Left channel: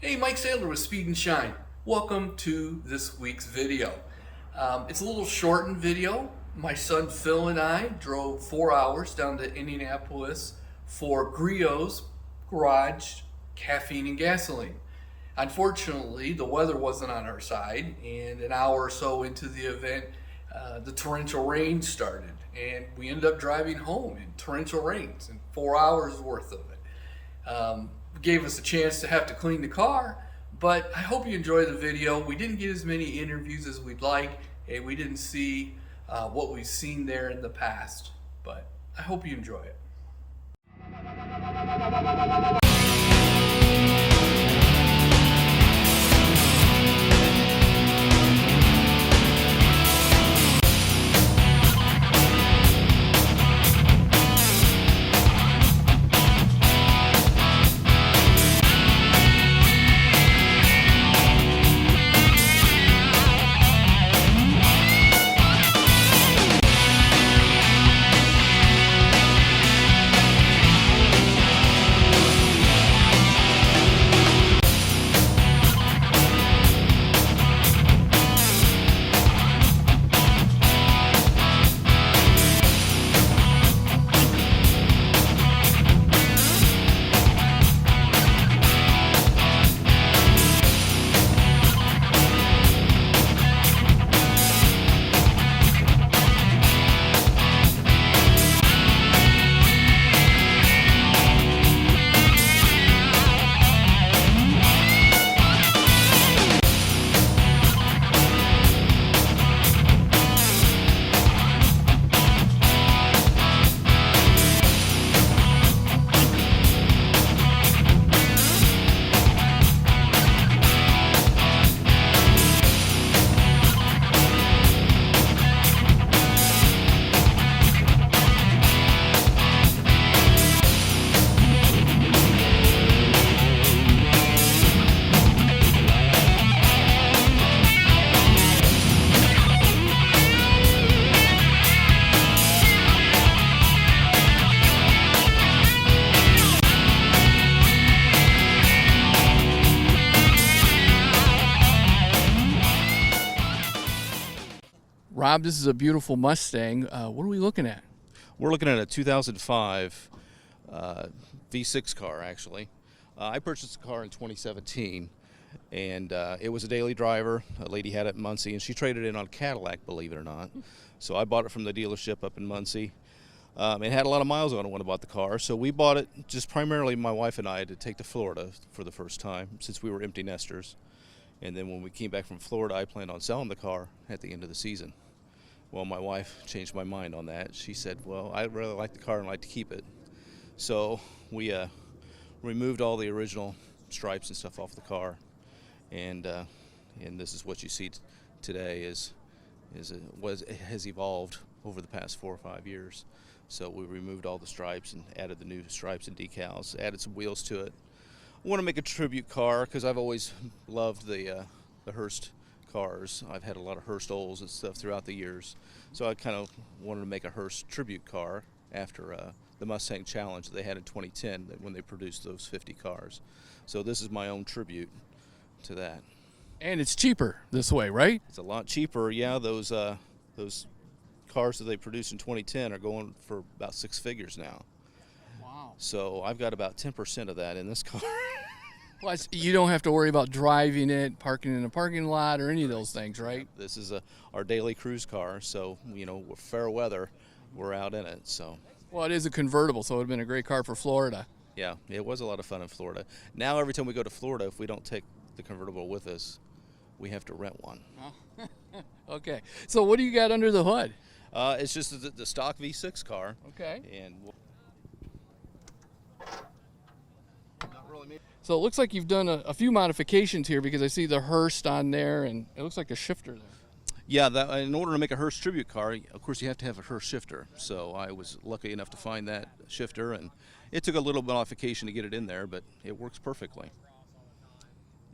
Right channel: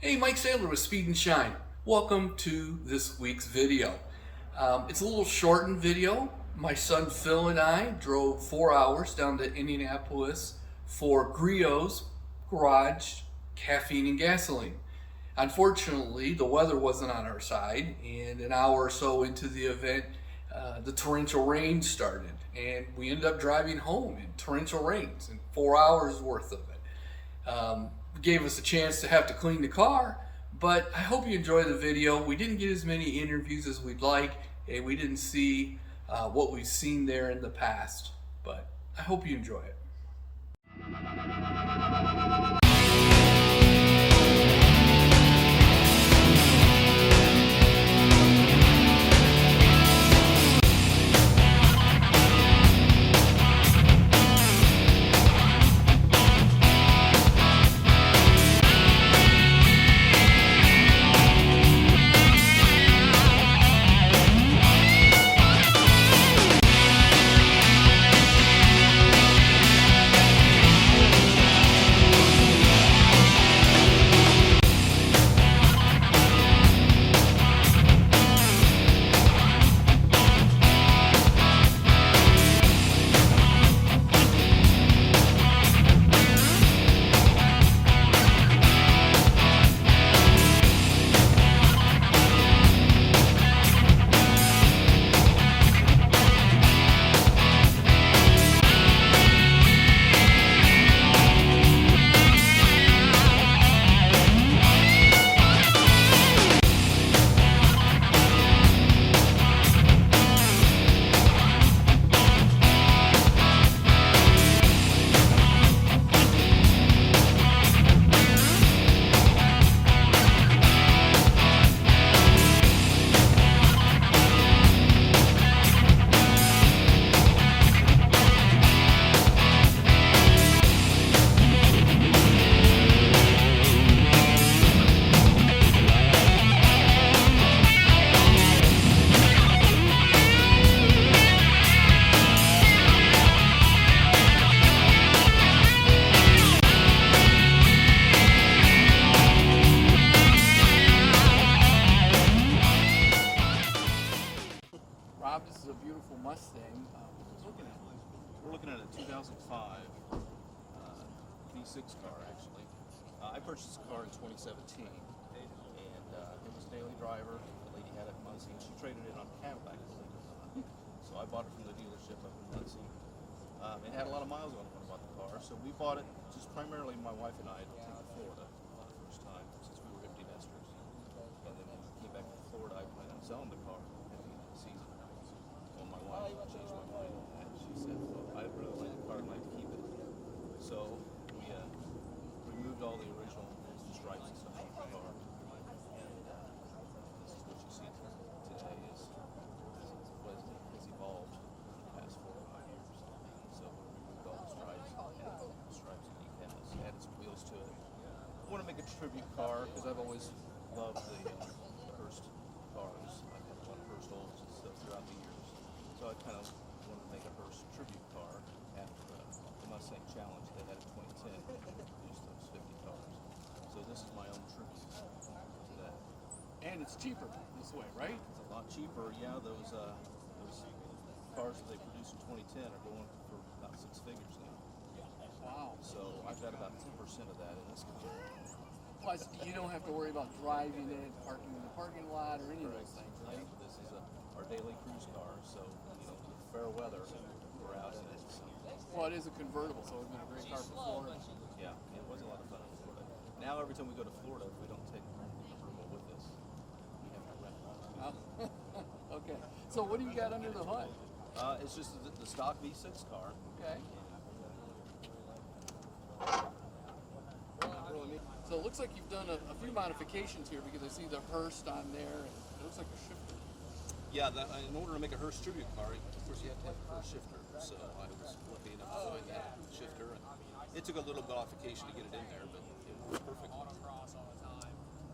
Hey, Mike Sadler with Speed and Shine. Welcome to this week's video. It's a little shortened video. My son Phil and I drove 4 hours down to Indianapolis for Griot's garage, caffeine and gasoline. Unfortunately, the weather wasn't on our side, and an hour or so into the event, the torrential rain started, and we ended up driving home in torrential rains and 4 hours worth of it. Gave us a chance to have to clean the car, but I hope you enjoy the video. We didn't get as many interviews as we'd like, and we didn't see what we've seen there in the past, but I hope you enjoy it. Rob, this is a beautiful Mustang. What are we looking at? We're looking at a 2005 V6 car, actually. I purchased the car in 2017, and it was a daily driver. A lady had it in Muncie, and she traded it in on Cadillac, believe it or not. So I bought it from the dealership up in Muncie. It had a lot of miles on it when I bought the car, so we bought it just primarily, my wife and I, to take to Florida for the first time, since we were empty nesters. And then when we came back from Florida, I planned on selling the car at the end of the season. Well, my wife changed my mind on that. She said, well, I really like the car and like to keep it. So we removed all the original stripes and stuff off the car. And this is what you see today is it has evolved over the past 4 or 5 years. So we removed all the stripes and added the new stripes and decals, added some wheels to it. I want to make a tribute car because I've always loved the Hurst cars. I've had a lot of Hurst Olds and stuff throughout the years, so I kind of wanted to make a Hurst tribute car after the Mustang Challenge they had in 2010 when they produced those 50 cars. So this is my own tribute to that. And it's cheaper this way, right? It's a lot cheaper. Yeah, those cars that they produced in 2010 are going for about 6 figures now. Wow. So I've got about 10% of that in this car. Plus, you don't have to worry about driving it, parking in a parking lot, or any of those things, right? This is our daily cruise car, so, with fair weather, we're out in it, so. Well, it is a convertible, so it would have been a great car for Florida. Yeah, it was a lot of fun in Florida. Now, every time we go to Florida, if we don't take the convertible with us, we have to rent one. Okay, so what do you got under the hood? It's just the stock V6 car. Okay. And So it looks like you've done a few modifications here because I see the Hurst on there, and it looks like a shifter. yeah, in order to make a Hurst tribute car, of course, you have to have a Hurst shifter. So I was lucky enough to find that shifter, and it took a little modification to get it in there, but it works perfectly.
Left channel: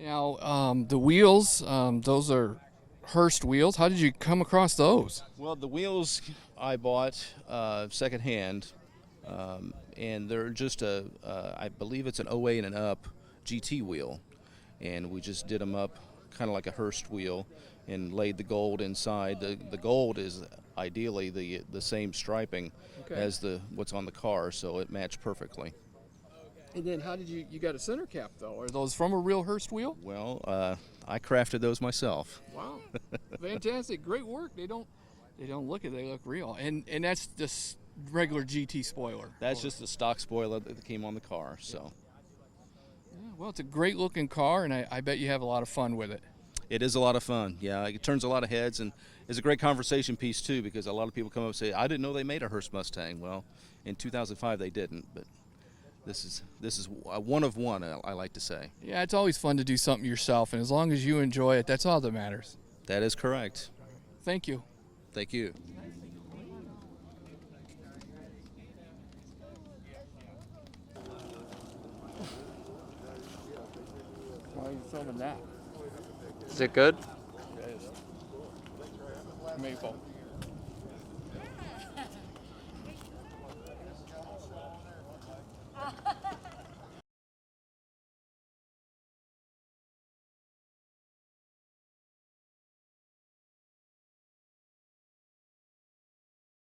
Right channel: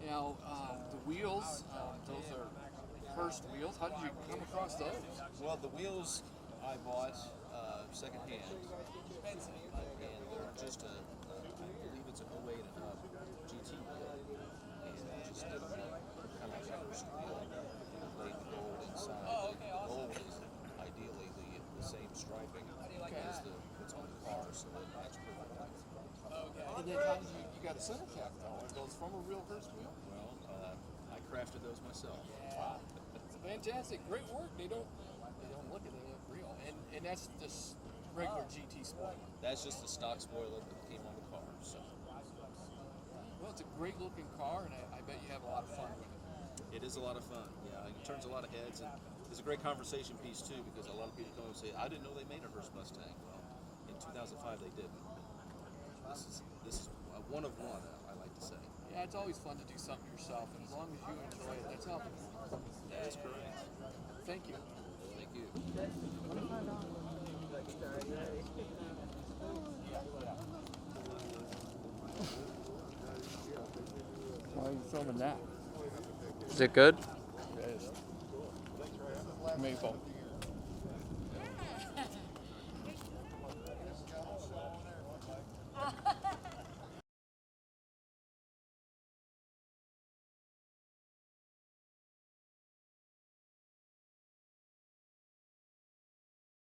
Now, the wheels, those are Hurst wheels. How did you come across those? Well, the wheels I bought secondhand, and they're just I believe it's an 08 and up GT wheel. and we just did them up kind of like a Hurst wheel and laid the gold inside. The gold is ideally the same striping as what's on the car, so it matched perfectly. And then how did you got a center cap though? Are those from a real Hurst wheel? Well, I crafted those myself. Wow, fantastic, great work. They don't look it, they look real. And that's just regular GT spoiler. That's just the stock spoiler that came on the car. So. Well, it's a great looking car, and I bet you have a lot of fun with it. It is a lot of fun. Yeah, it turns a lot of heads, and it's a great conversation piece too, because a lot of people come up and say, "I didn't know they made a Hurst Mustang." Well, in 2005 they didn't, but this is a one of one. I like to say. Yeah, it's always fun to do something yourself, and as long as you enjoy it, that's all that matters. That is correct. Thank you. Thank you. Why are you filming that? Is it good? It is. Maple.